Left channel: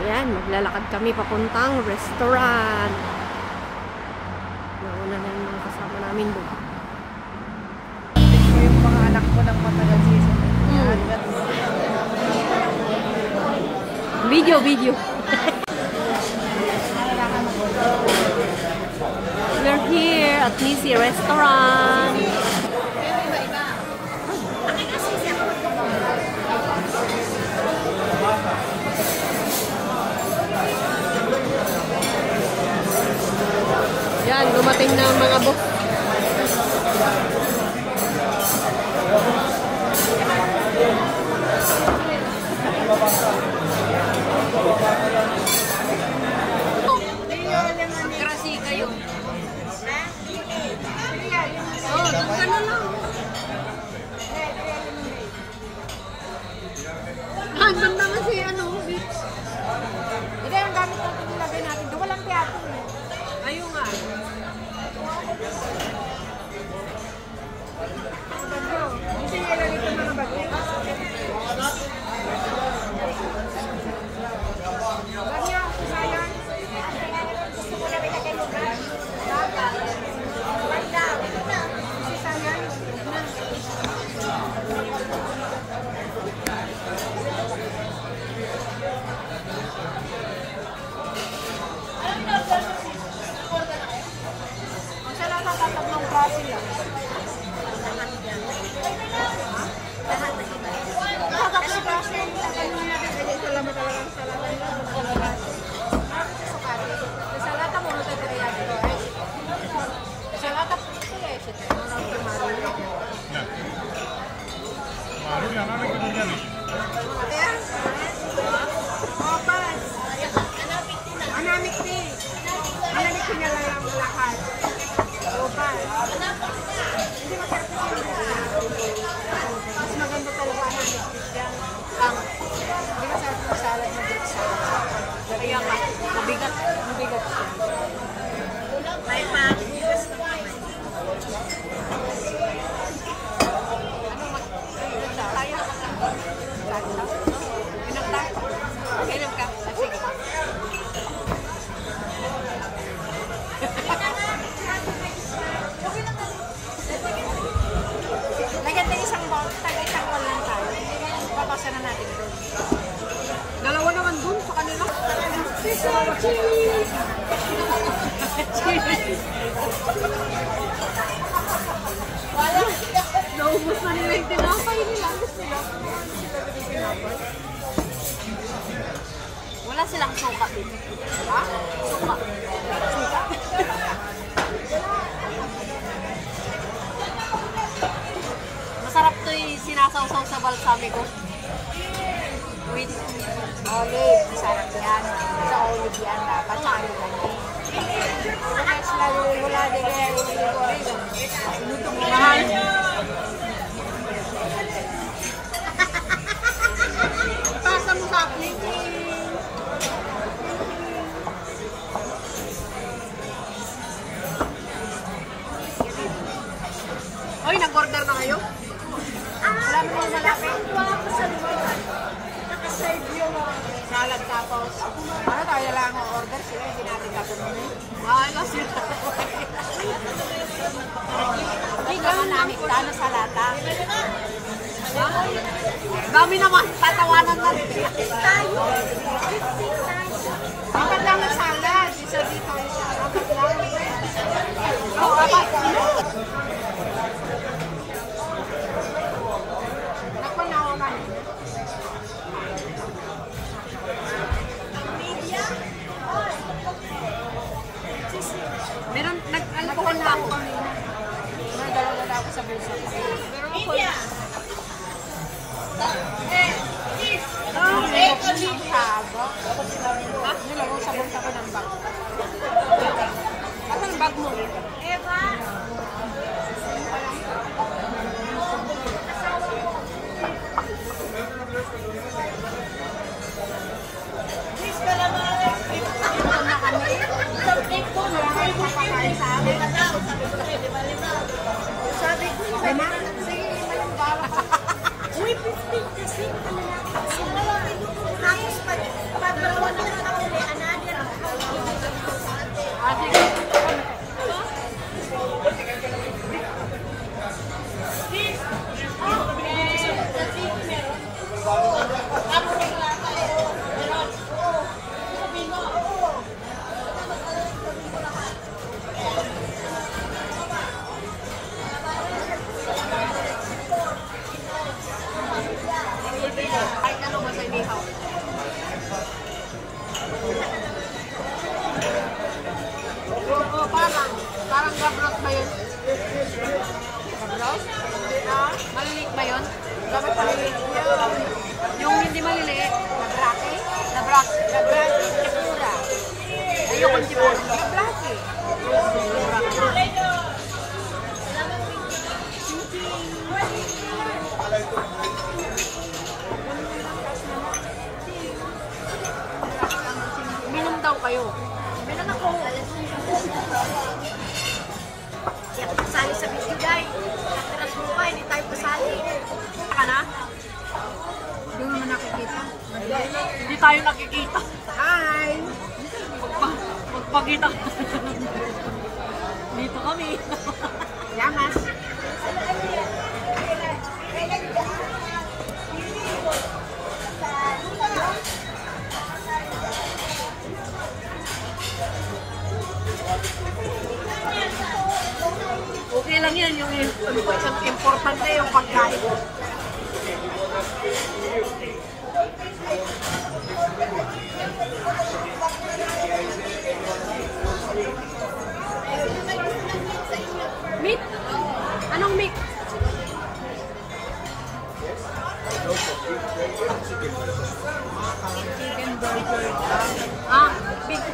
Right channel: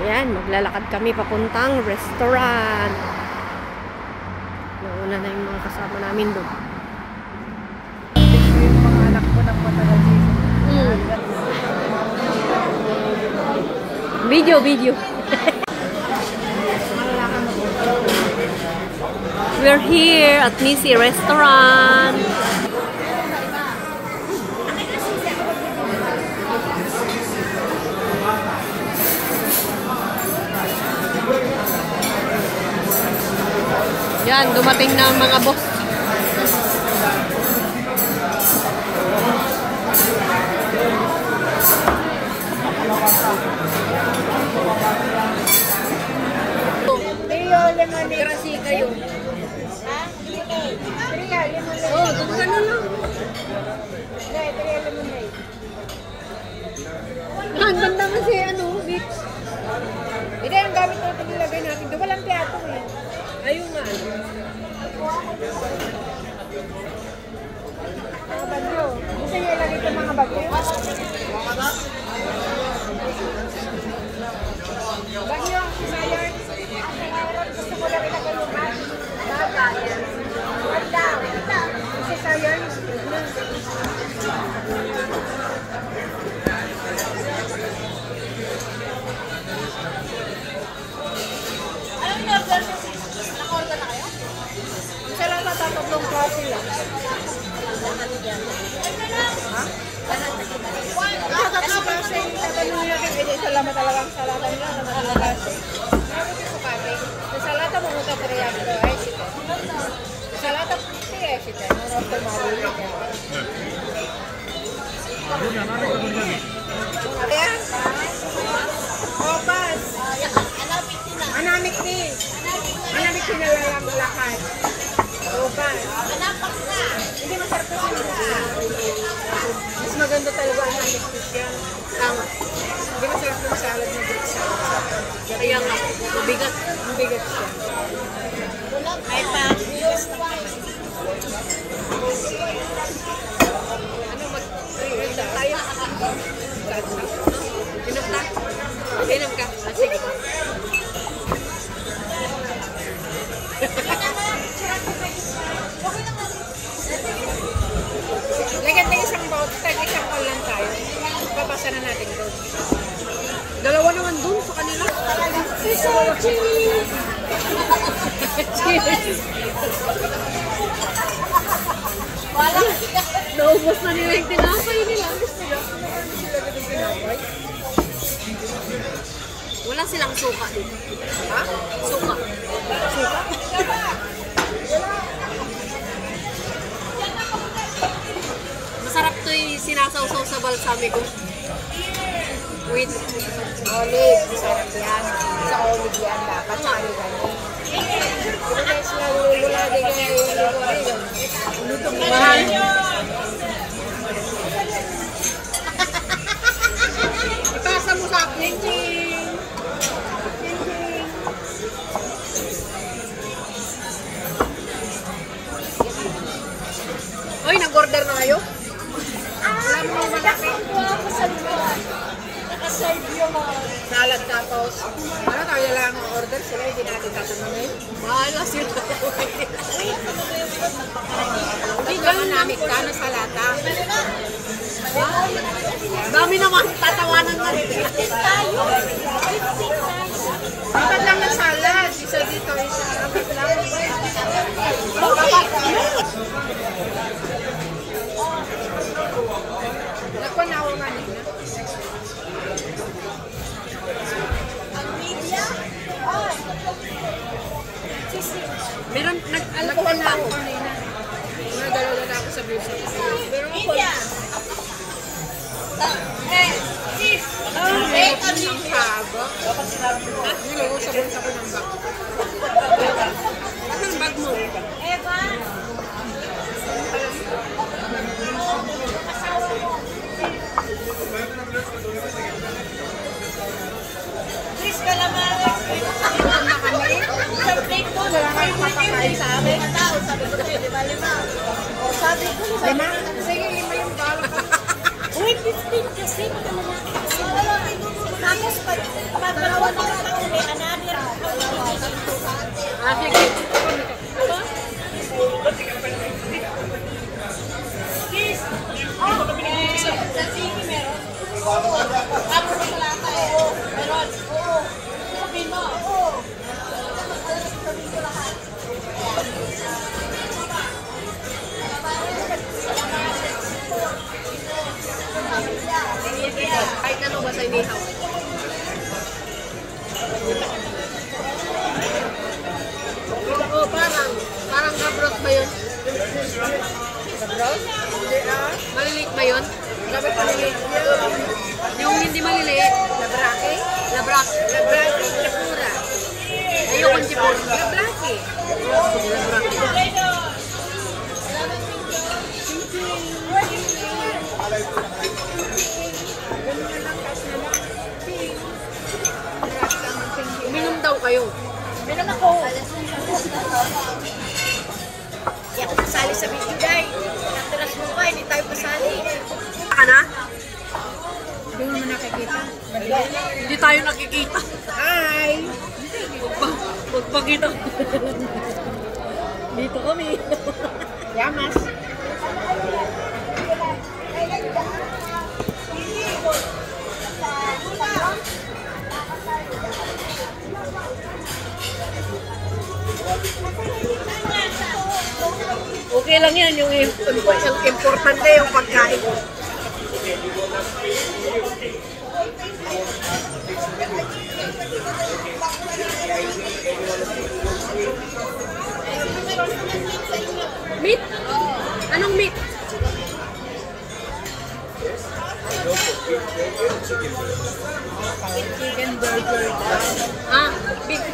Ayan, maglalakad kami papuntang restaurant. Nauna na yung mga kasama namin doon. Yung mga anak ko ng matagal season. Video. We're here at Nisi Restaurant. Yan, dumating na ang mga boss. Ang ganda mo si beach. Hindi, ang gamit natin nilagay natin. Doon walang plato eh. Ayun nga. Gusto niya lang ito mga bago. Bagyo, sayang. Gusto ko lang ilagay mo ba? Wala. Kasi sayang. Ang salata tatatlong coffee lang. Kasi kasi nagano natin eh salama talaga ang salata nila na malabase. Sa salata mo na tayo dito eh sito. Sa salata pwede eh sito. Ano to mali Ayan. Opas. Anamik na lang ang lahat. Opas. Hindi masarap mas maganda talaga ang anamik yan. Hindi masarap yung salad na good salad. Kaya nga, mabigat. Mabigat siya. May pa. Ano mag-read tayo? Inom ka? Sige. Lagyan tayo isang bowl lang tayo. Papasa na natin doon. Dalawa naman dun sa kanila. Cheese! Naubos na nila yung tinapay nila. Wala silang suka dito. Ha? Suka. Masarap to yung sinasawsaw sa balsamico. With olive. Masarap yan. Sa olive yan dapat. Sa olive yan. Guys, mula din yung olive. Lutong mahal. Ipasa mo sa akin. Ay, nag-order na kayo? Alam mo, nakakuha ko sa luwan. Naka-save yung salad tapos. Ano tayo lang ang order? Sila hindi natin tatanungin. Bahala sila. Ay, gano'n namin ka na salata. Dami naman. Tatawanan na rin. 15 tayo. 15 tayo. Apat lang na salad. Isa dito, isa. Apat lang. Oh, apat. Nagpanawa nga nila. Media? Oh. Meron, Nagpanawa na ako kanina. Nagdalaw na ako sa bulsa ko. Pero ako. Sis! Ang haba. Nilagay sa bulsa ko ng bag. Ano ang bag mo? Eva! Sis, kalamaras! Ano kami? Sa plate ko, wala kayo makakain sa amin. Sabi ko kayo, 5. Sabi ko, 5. Sige, 5 yung bala. Uy, 15 kasi. Tapos, pag dalawa na Ah, sige. Ay, ano ba sa inihaw? Oo, parang gabrot ba yun? Gabrot? Hindi ah. Maliliit ba yun? Dapat maliliit yun. Yung hindi maliliit? Labrake? Labrak. Labrake, chapura. Ayokong sipon. Labrake. Uminom daw kayo. Meron ako. Kaya ako pasali sa video day. Natiras mo ka, hindi tayo pasali. Ka na? Hindi mo naman nakikita. Hindi tayo nakikita. Hi! Magpakita ko. Dito kami. Yamas. Okay lang yan. Yung importante yung pagkain. Meat? Anong meat? Chicken burger daw. Ah, beef.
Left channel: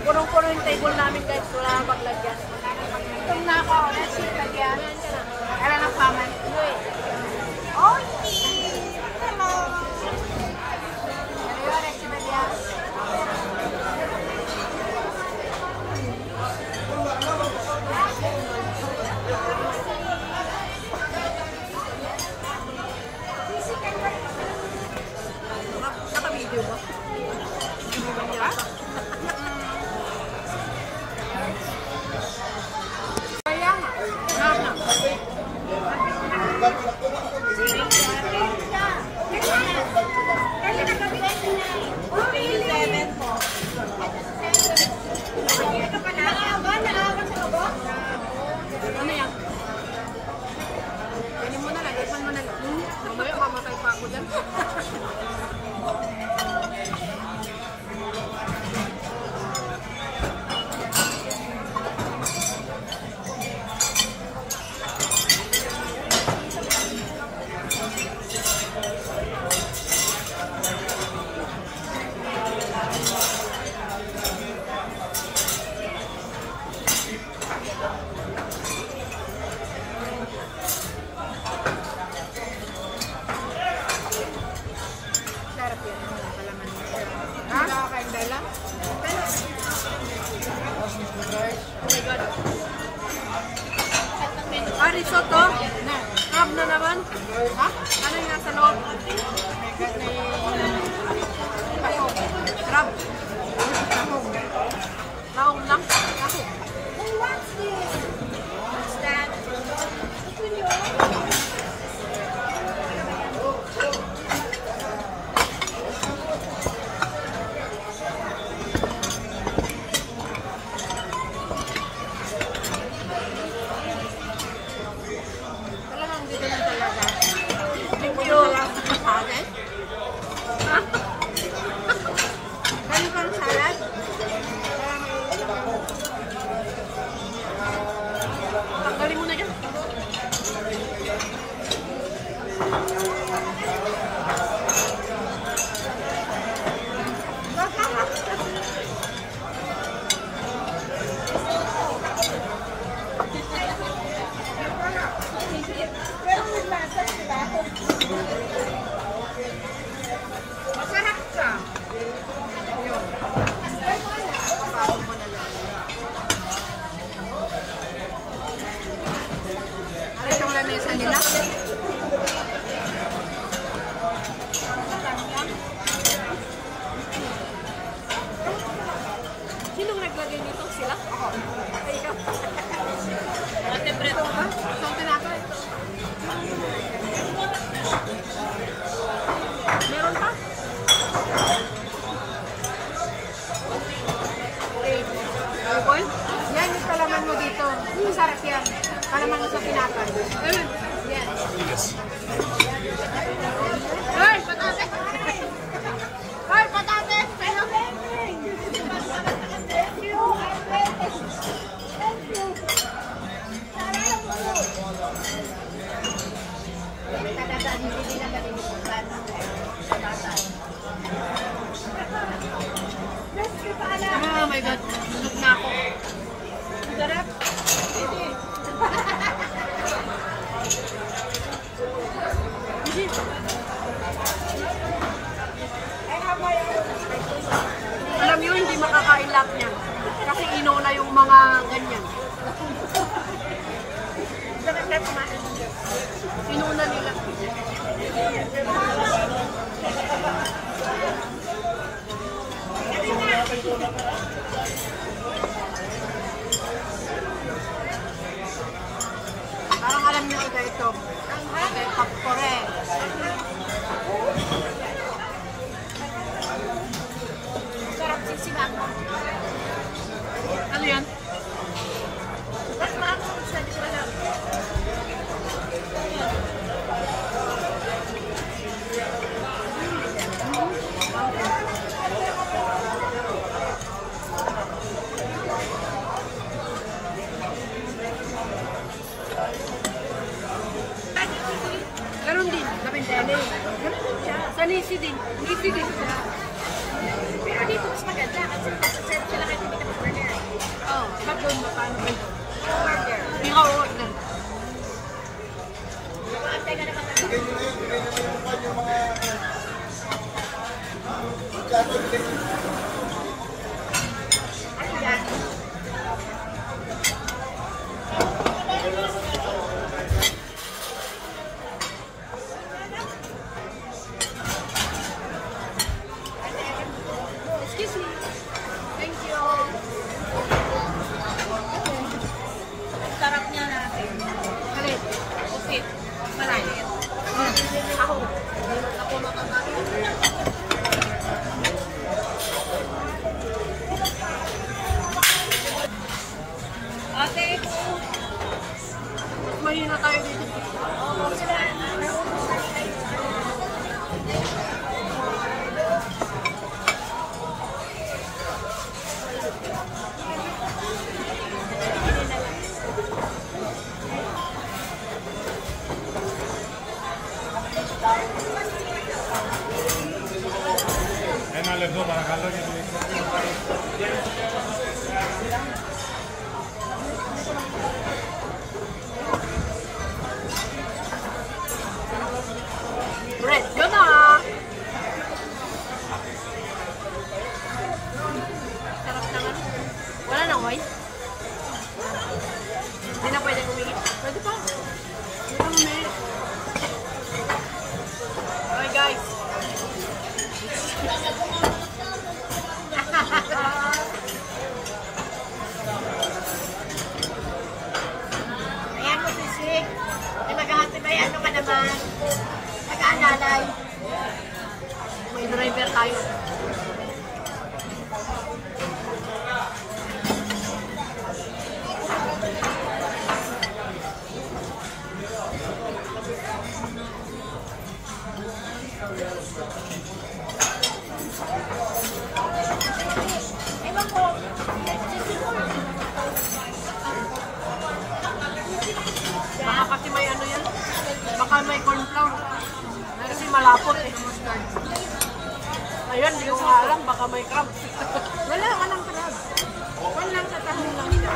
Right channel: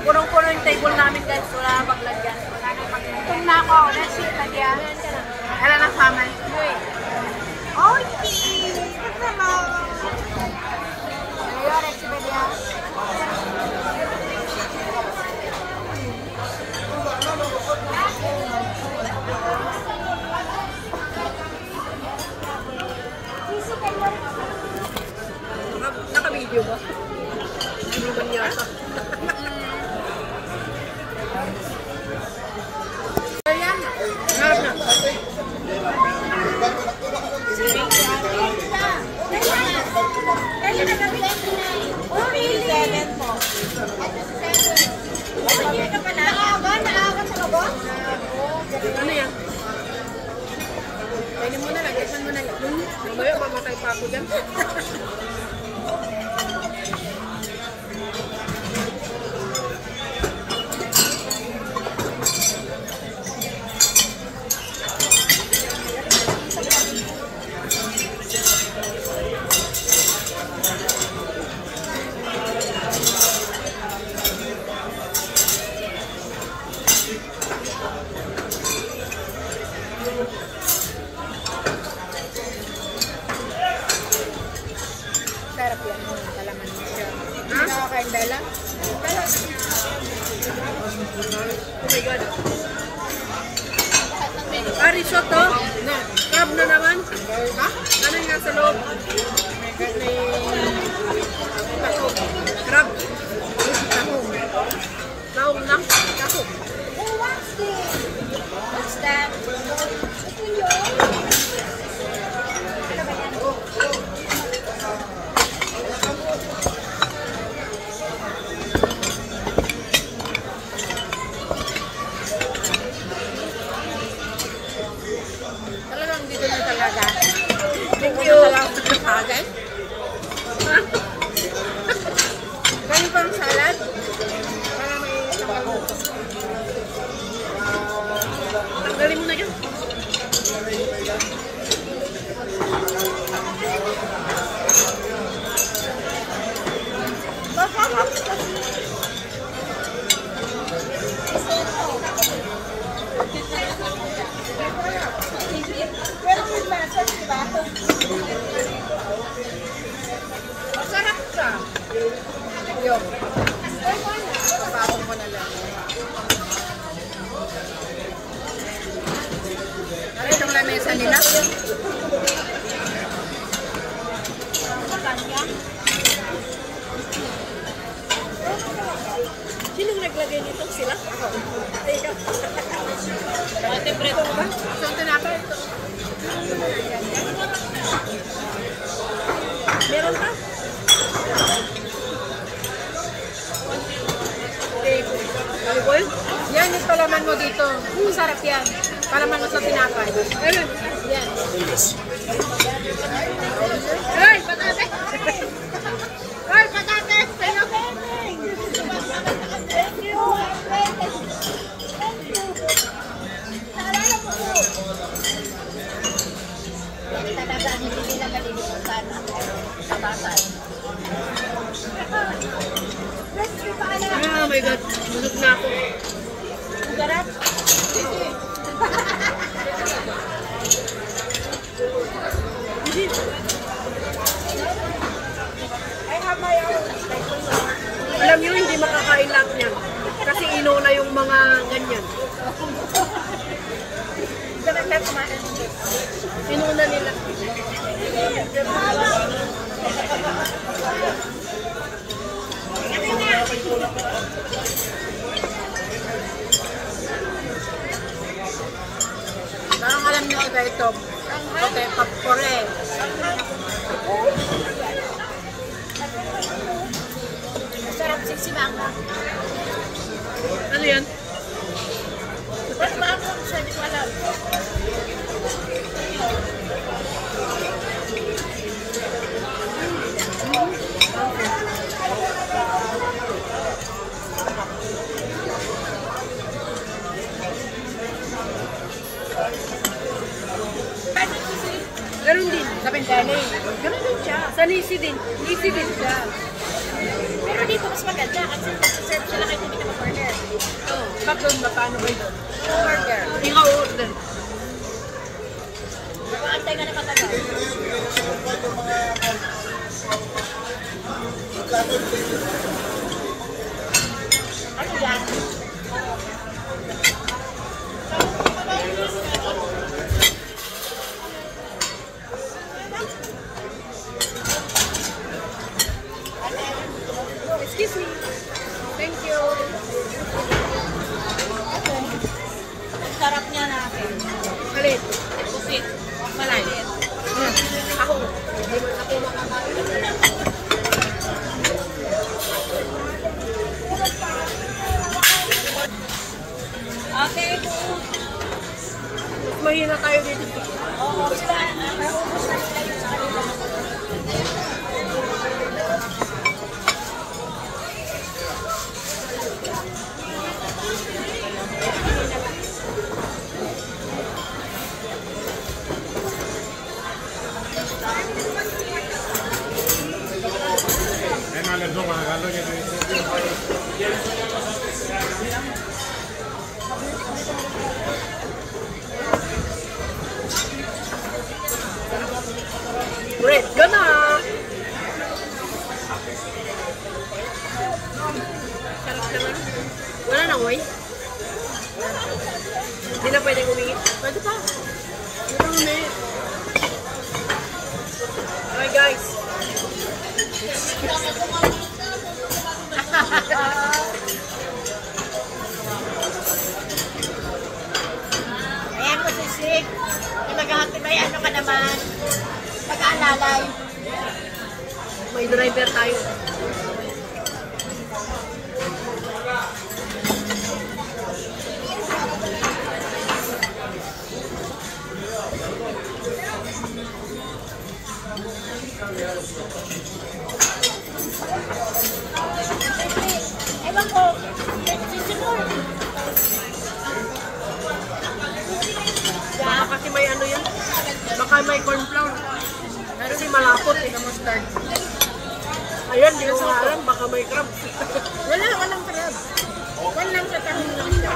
Punong-puno yung table namin guys. Wala na paglagyan. Wala na paglagyan. Kung na ako, let's see ka diyan. Kala na paman. Yui. Oki! Hello! Ano yun, let's see ka diyan. Naka-video ba? Hindi ba niya? Kaya nga. Harap na. Kaya na kami. Oh, really? 7 po. Sabi ka pa na? Naaga sa kabo? Ano yan? Kainin mo na lang, ipan mo na lang. Mamaya mamatay pa ako dyan. Sarap yan. Palaman mo siya. Ha? Nakakain dala? Dala. Oh my God. Ah, risotto? Crab na naman? Ha? Ano yung nasa loob? Tahong. Crab. Tahong. Tahong na? Tahong. Oh, what's this? What's that? Ito yun. Ano ba yan? Talagang dito na talaga. Thank you. Okay? Ha? Ganyan pang salad? Tanggalin mo na yan. Masarap kasi. Pero may masa, diba? Masarap siya. Yung. Papasok mo na lang. Ano itong lamesa nila? Sinong naglagay nito? Sila? Ako. Ay, ikaw. Ate Brito ba? Saan tinapay ito? Meron pa? Okay. Alcohol? Yan yung palaman mo dito. Masarap yan. Palaman mo sa tinapay. Ayun. Yan. Ay, patate! Ay, patate! Ayun. Thank you. Talaga, hindi nila malilimutan sa tatay. Oh my God. Bulog na ako. Sarap. Hindi. Alam nyo, hindi makakain lahat niyan. Kasi inuna yung mga ganyan. Sarap na kumain. Inuna nila. Parang alam niyo iba ito. Okay, papore. Sarap sisibang. Ano yan? Ba't makakong sa di ko alam? Ganun din. Sa Pentele. Ganun din siya. Sa Nisi din. Nisi din siya. Pero dito mas maganda kasi nasa-serve sila kahit hindi ka mag-order. Oh, ba't doon? Magkano kayo doon? Order. Hindi ka order. Nakaantay ka na katagal. Ano yan? Excuse me. Thank you. Ang sarap niya natin. Halit. Pusit. Malalit. Ako. Hindi man ako makakain. Okay po. Mas mahina tayo dito. Oo, sila. Naubos na nila yung sa kanila. Red ka na. Sarap naman. Wala na, oy. Hindi na pwede kumingit. Pwede pa. Ito umingit. Okay, guys. Ayan mo, sisig. May maghahati ano ka naman. Pag-aalalay. May driver tayo. Ewan ko, sisimul. Baka kasi may ano yan. Baka may corn flour. Kasi malapot eh. Mustard. Ayan, di ko nga alam. Baka may crabs. Walang crab. Walang katahong lang siya.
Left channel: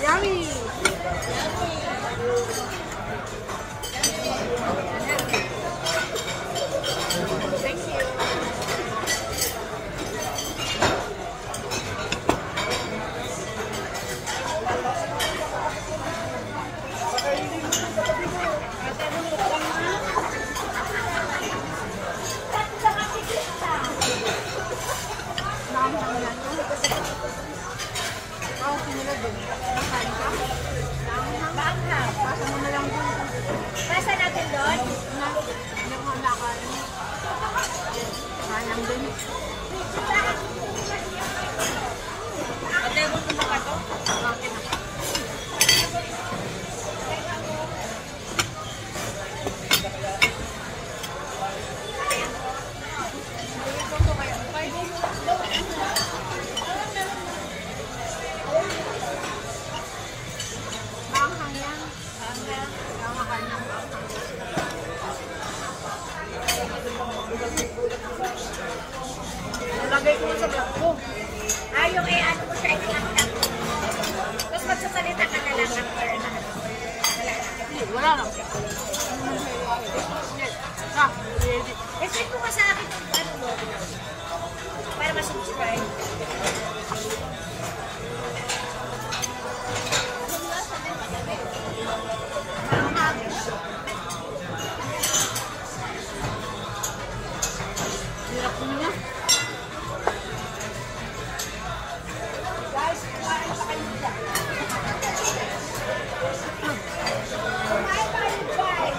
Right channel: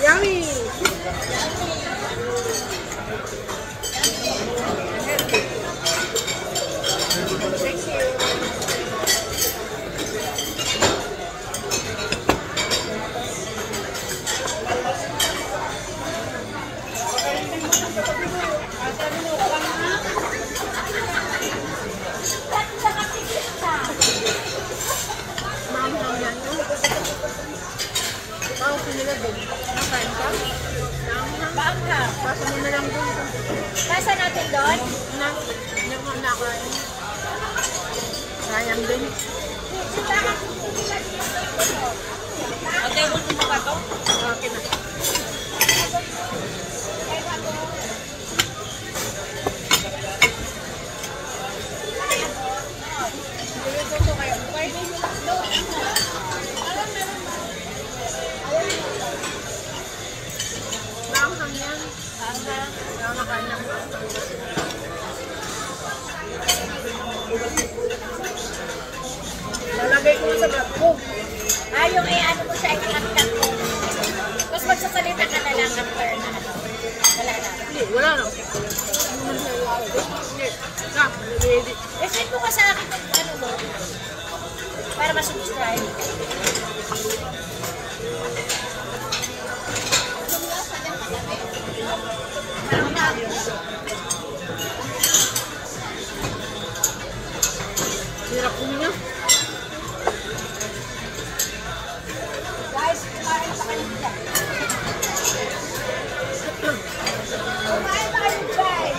Yummy! doon? Hindi ko nakain. Sayang din. Ate, gusto mo ba ito? Okay na. Maanghang yan. Nakakain ng maanghang. Lalagay ko sa vlog ko. Yung ano mo siya, i-actat mo. Tapos magsasalita ka na lang after na ano. Wala na. Hindi, wala lang. Hindi. Na, ready. Send mo ba sa akin yung ano mo? Para ma-subscribe. Hirap ko niya. Guys, kumain pa kayo dyan. Kumain pa kayo guys.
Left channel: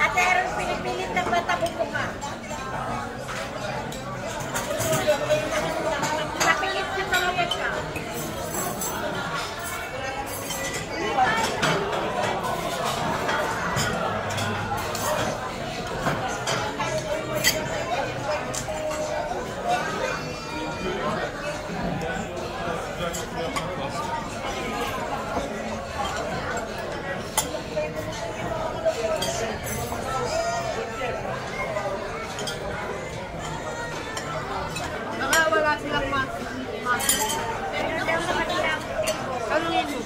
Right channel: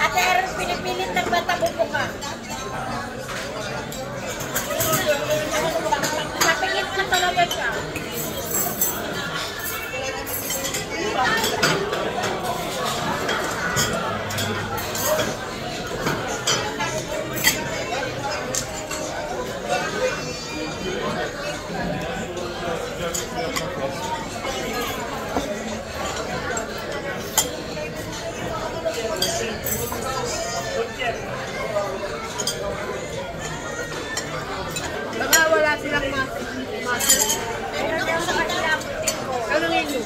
Ate Erin, pinipilit ng bata buko ka. Napingit ka talaga siya. Baka wala silang master. Meron daw sa kanila ang tempo. Anong inyo?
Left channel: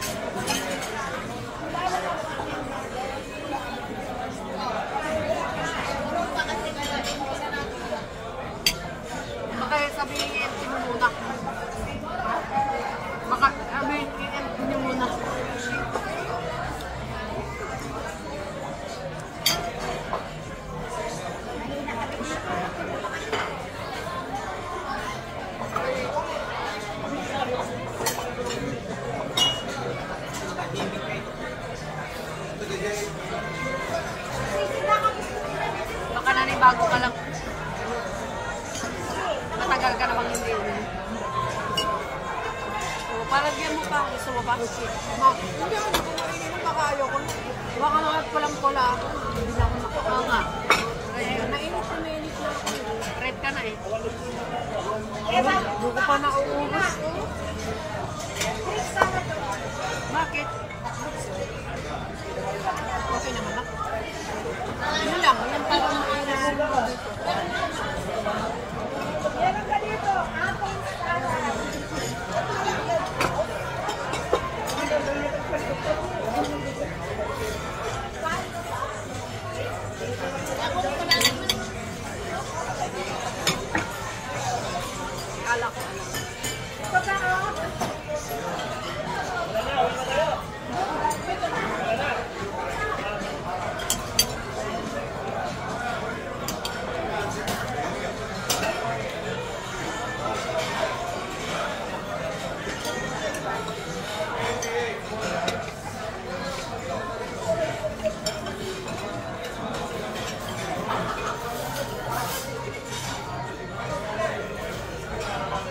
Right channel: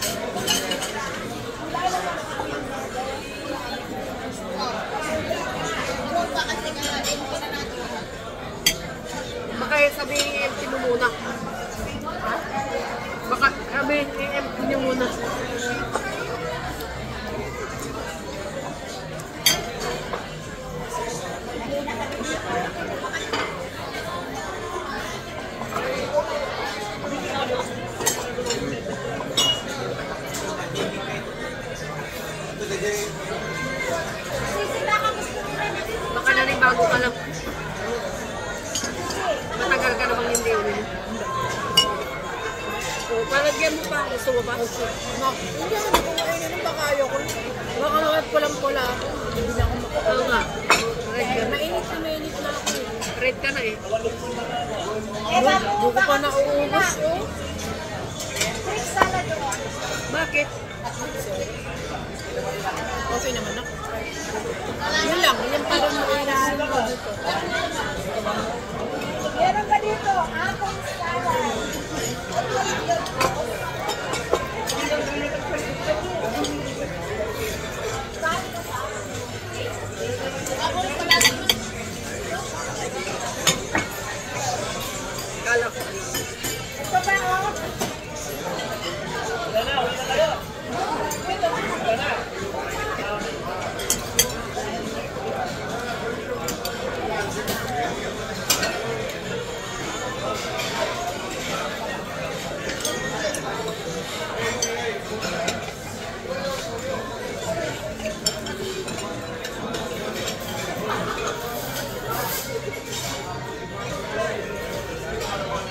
Baka sabihin i-empty mo muna. Ha? Baka sabihin i-empty nyo muna. Baka nanibago ka lang. Matagal ka namang hindi ulit. So, palagyan mo pa. Gusto mo pa? Ma, hindi ako kumainin ng baka ayoko. Baka naman pulang-pula ako. Hindi na ako makakaw nga. Mainit na ako. Red ka na eh. Hindi ko pa nauubos. Bakit? Okay naman ako. Yun lang, yung parang mainahan ko dito. Meron ka dito, apple salad. Kala ko. Ito ba oh?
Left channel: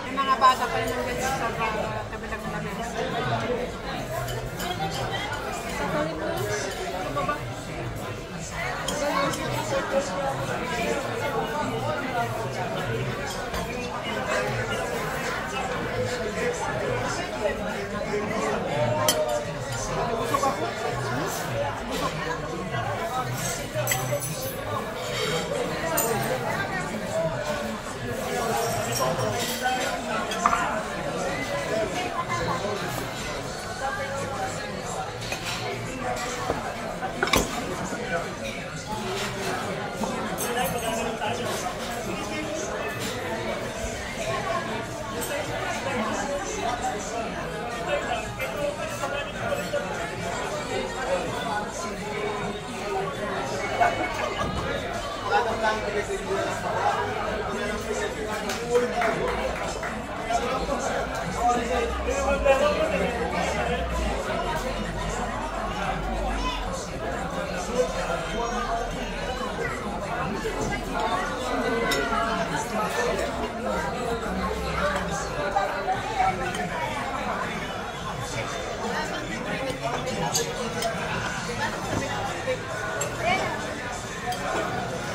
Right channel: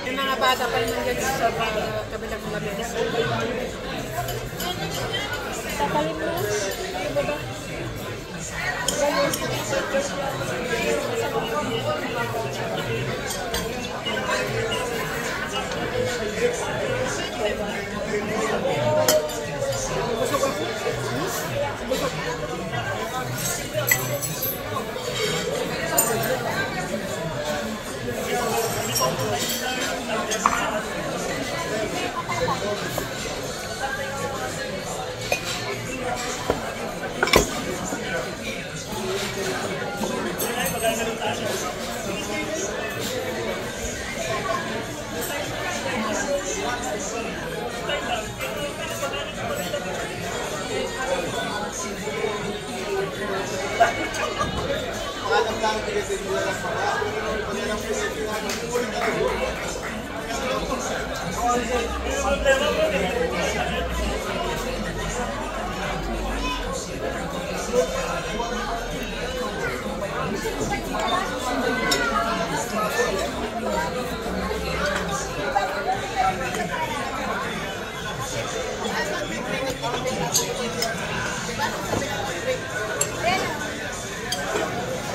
Yung mga bata pa rin nandiyan sa kabilang lamesa. Tatalin mo. Ano ba ba? Busog ako. Busog.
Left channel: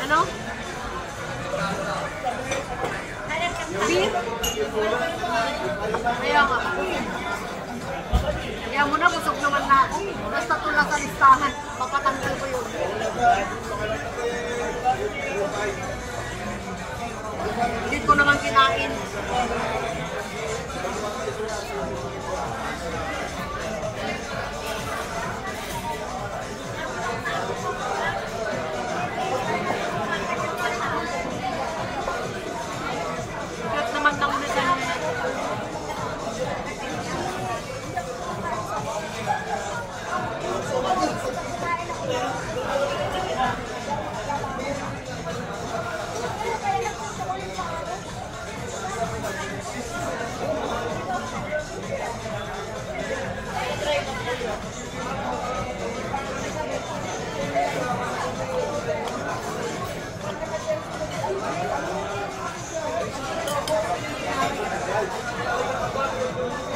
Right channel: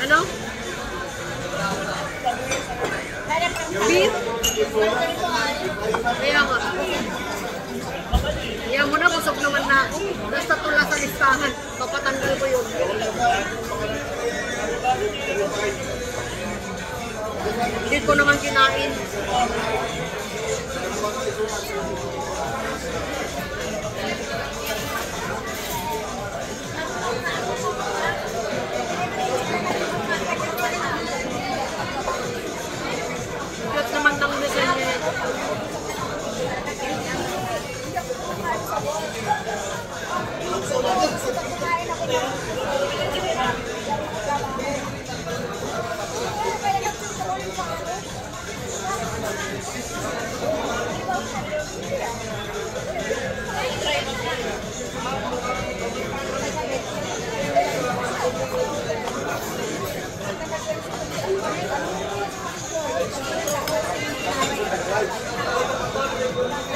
Ano? Beef? Kaya nga. Kaya mo na, busog naman na ako. Basta tula sa listahan. Papatanggal ko yun. Hindi ko naman kinain. Lahat naman ng messenger.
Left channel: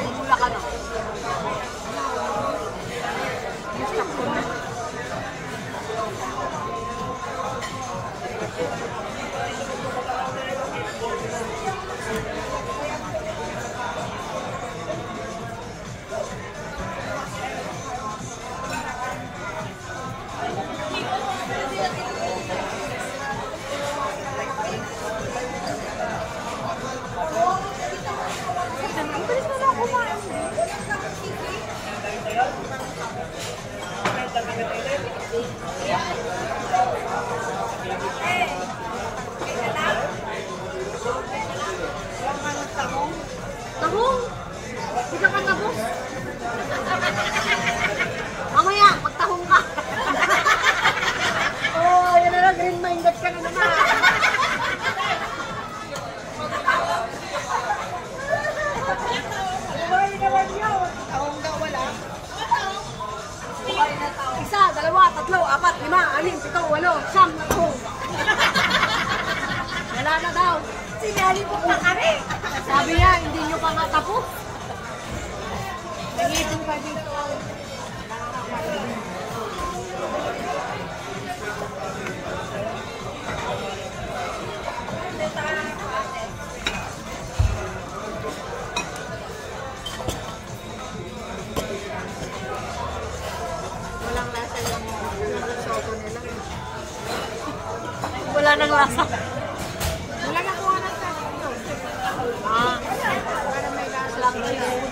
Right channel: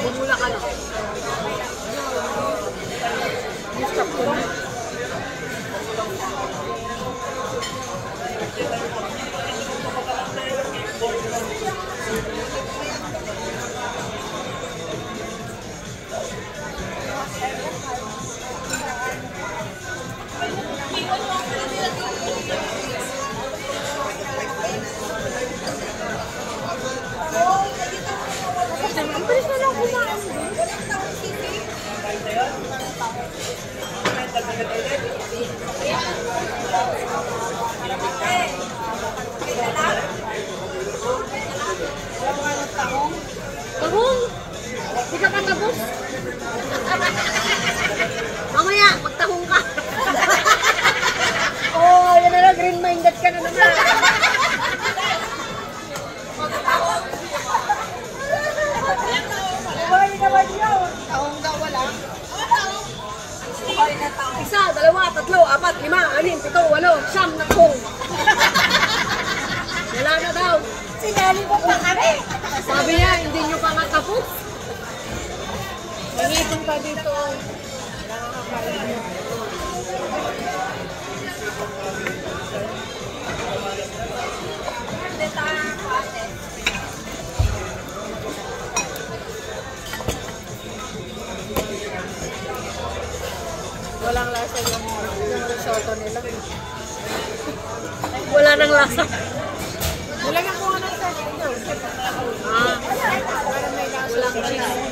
Bumula ka na. Stop ko na. Ang bilis na lang kumain. Tahong? Hindi ka katapos? Mamaya, magtahong ka. Oh, yan na lang, green-minded ka na naman. Kumain naman yun. Taong daw wala. Isa, dalawa, tatlo, apat, lima, anim, pito, walo, siyam na tahong. Wala na daw. Sinali mo pa kami. Sabi niya, hindi nyo pa matapos. Nangipon pa dito. Walang lasa yung risotto nila. Wala nang lasa. Wala na kung ano sa dito. Ah, para may lasa. Walang cheese.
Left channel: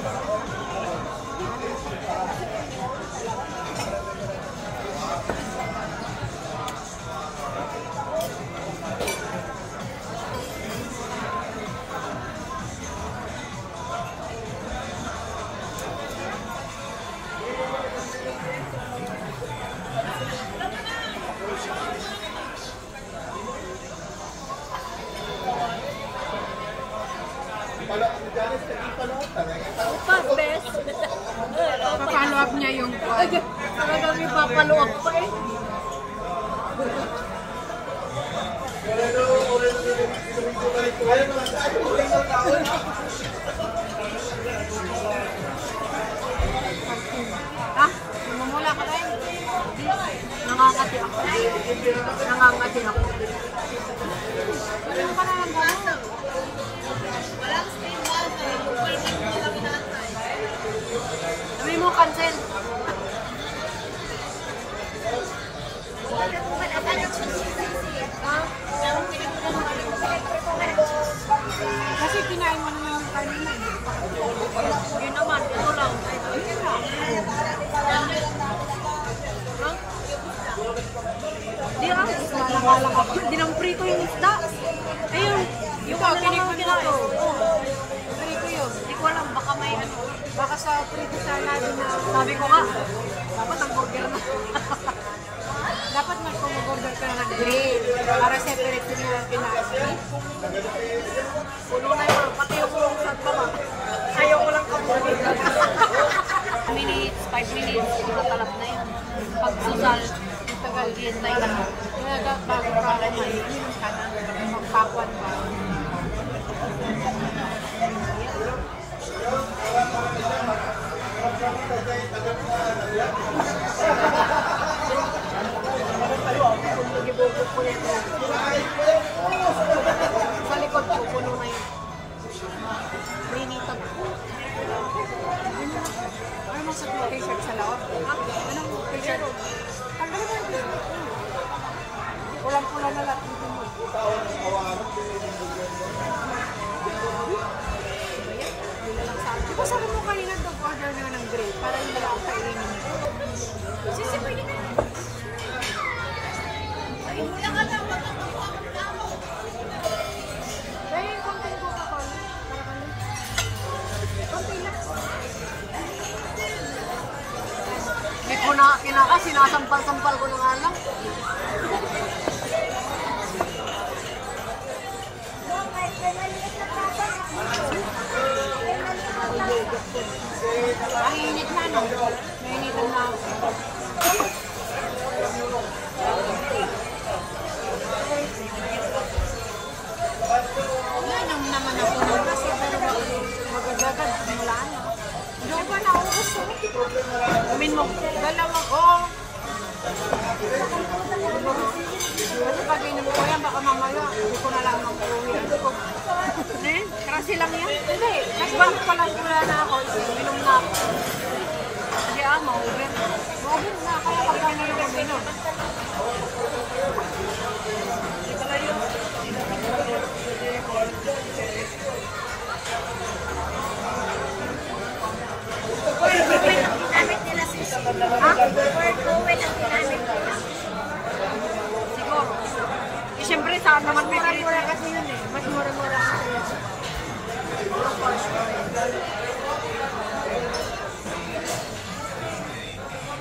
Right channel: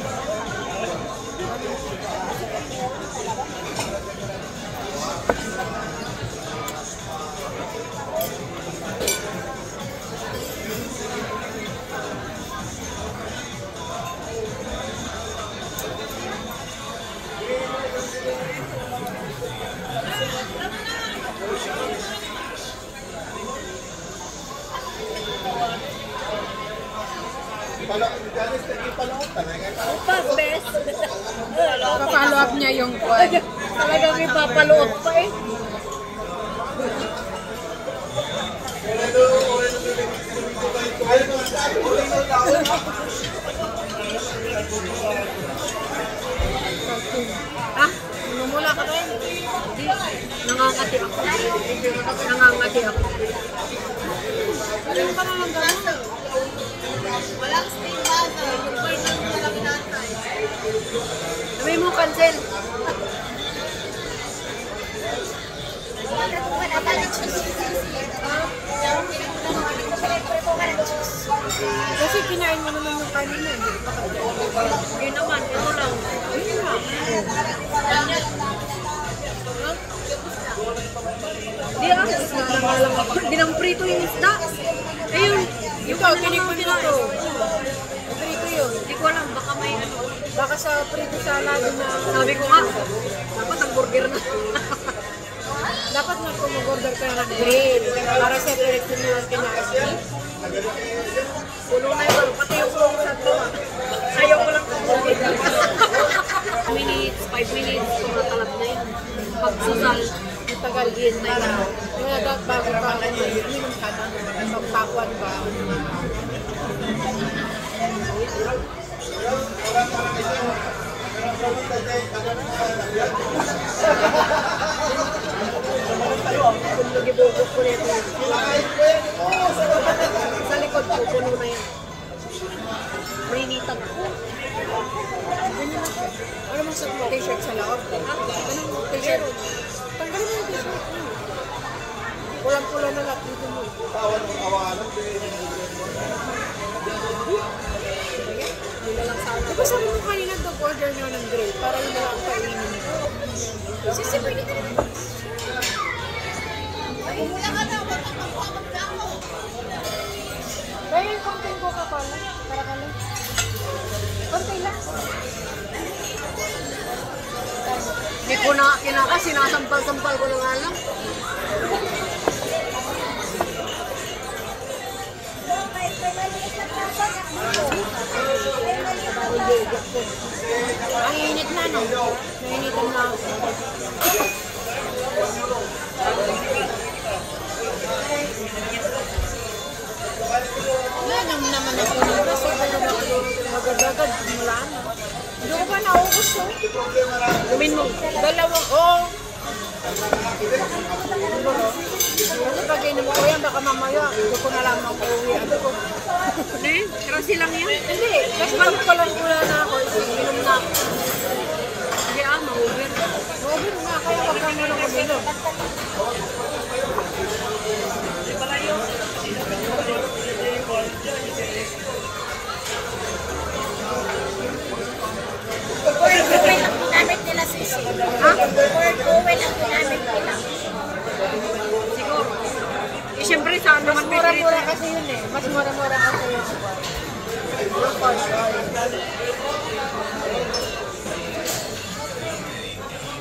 Pas, bes. Papalo up niya yung kwan. Talagang ipapaloob pa eh. Ah, namumula ka rin? Hindi. Nangangati ako. Nangangati ako. Ano ka na lang gano'n? Walang steam bata. Yung bar lang walang inatay. Sabi mo, cancel. Kasi kinain mo naman yung kanina. Hindi naman, ito lang. Hindi na. Hindi ah, nangalang ako. Hindi nang prito yung isda. Ayun, yung kanilang prito. Prito yun. Hindi ko alam, baka may ano. Baka sa prito salad na. Sabi ko nga, dapat ang burger na. Dapat nag-order ka ng grill para separate yun yung kinain. Pulo na yun, pati yung kungsat pa ba? Ayaw ko lang kamulit. 5 minutes, tumatalab na yun. Pagsusal, yung tagal din na yun. Kaya dapat bago ka kumain, minum ka na, magpakwan ka. Kung nag-ibugod ko nito, sa likod ko, puno na yan. Prinitan ako. Ano mong sa t-shirt sa laot? Ha? Anong t-shirt? Tanggalin mo yung t-shirt. Pulang-pula na lahat dito mo. Di ba sabi mo kanina order nyo ng grill para yun na lang kainin mo? Sisi, pwede ka naman. Ay, wala ka na. Wala ka magkamo. Kaya yung konti ko ka pala. Para ka lang. Konti lang. Hindi ko na kinaka, sinasampal-sampal ko na nga lang. May maliit na plato dito. May maliit na plato. Ang init na, no? Nainitan na ako. Yan ang naman ako ng kasi pero magagagad mula na. Hindi ko ba naubos ko? Gumin mo. Dalawang, oh. Kasi pag inom ko yan, baka mamaya, hindi ko na lang mag-uwi. Ano ko? Hindi, kasi lang yan. Hindi, kasi bakit ko lang kula na ako, inom na ako. Hindi ma-over. Ma-over na, kaya pagkano lang uminom. Word oven ang ginamit nila, Sisi. Ha? Word oven ang ginamit nila. Siguro. Eh, siyempre, saan naman may Mura-mura kasi yun eh. Mas mura-mura kasi yun. yung cost.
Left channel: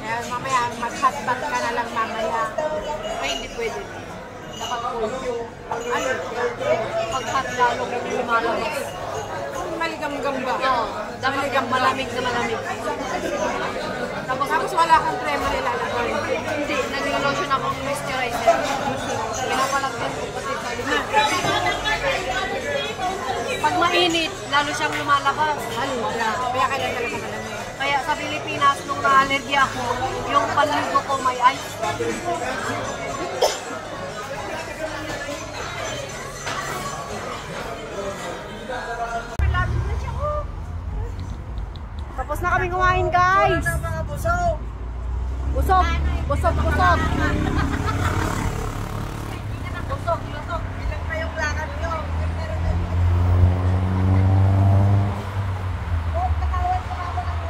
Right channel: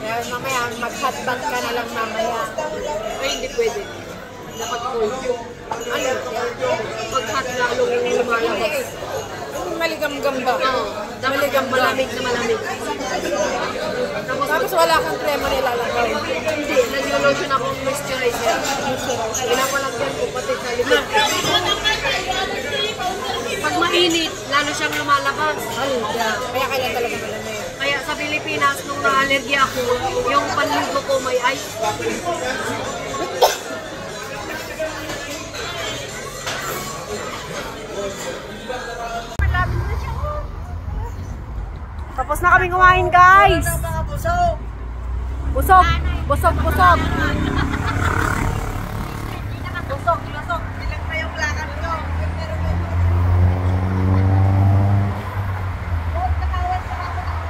Kaya mamaya, mag-hotbat ka na lang mamaya. Ay, hindi pwede. Dapat cold. Ano? Pag-hot lalong lumalabas. Maligam-gam ba? Oo. Maligam, malamig na malamig. Tapos wala kang krema nilalagay. Hindi, nag-lotion ako ng moisturizer. Pinapalag-doon ko pati sa likod. Pag mainit, lalo siyang lumalabas. Kaya kanya talaga malamig. Kaya sa Pilipinas, nung na-allergy ako, yung panligo ko may ice. Tapos na kami kumain, guys. Busog. Busog, busog. Busog, lusog. Bilang pa yung lakad nyo. Nakawan pa ako ng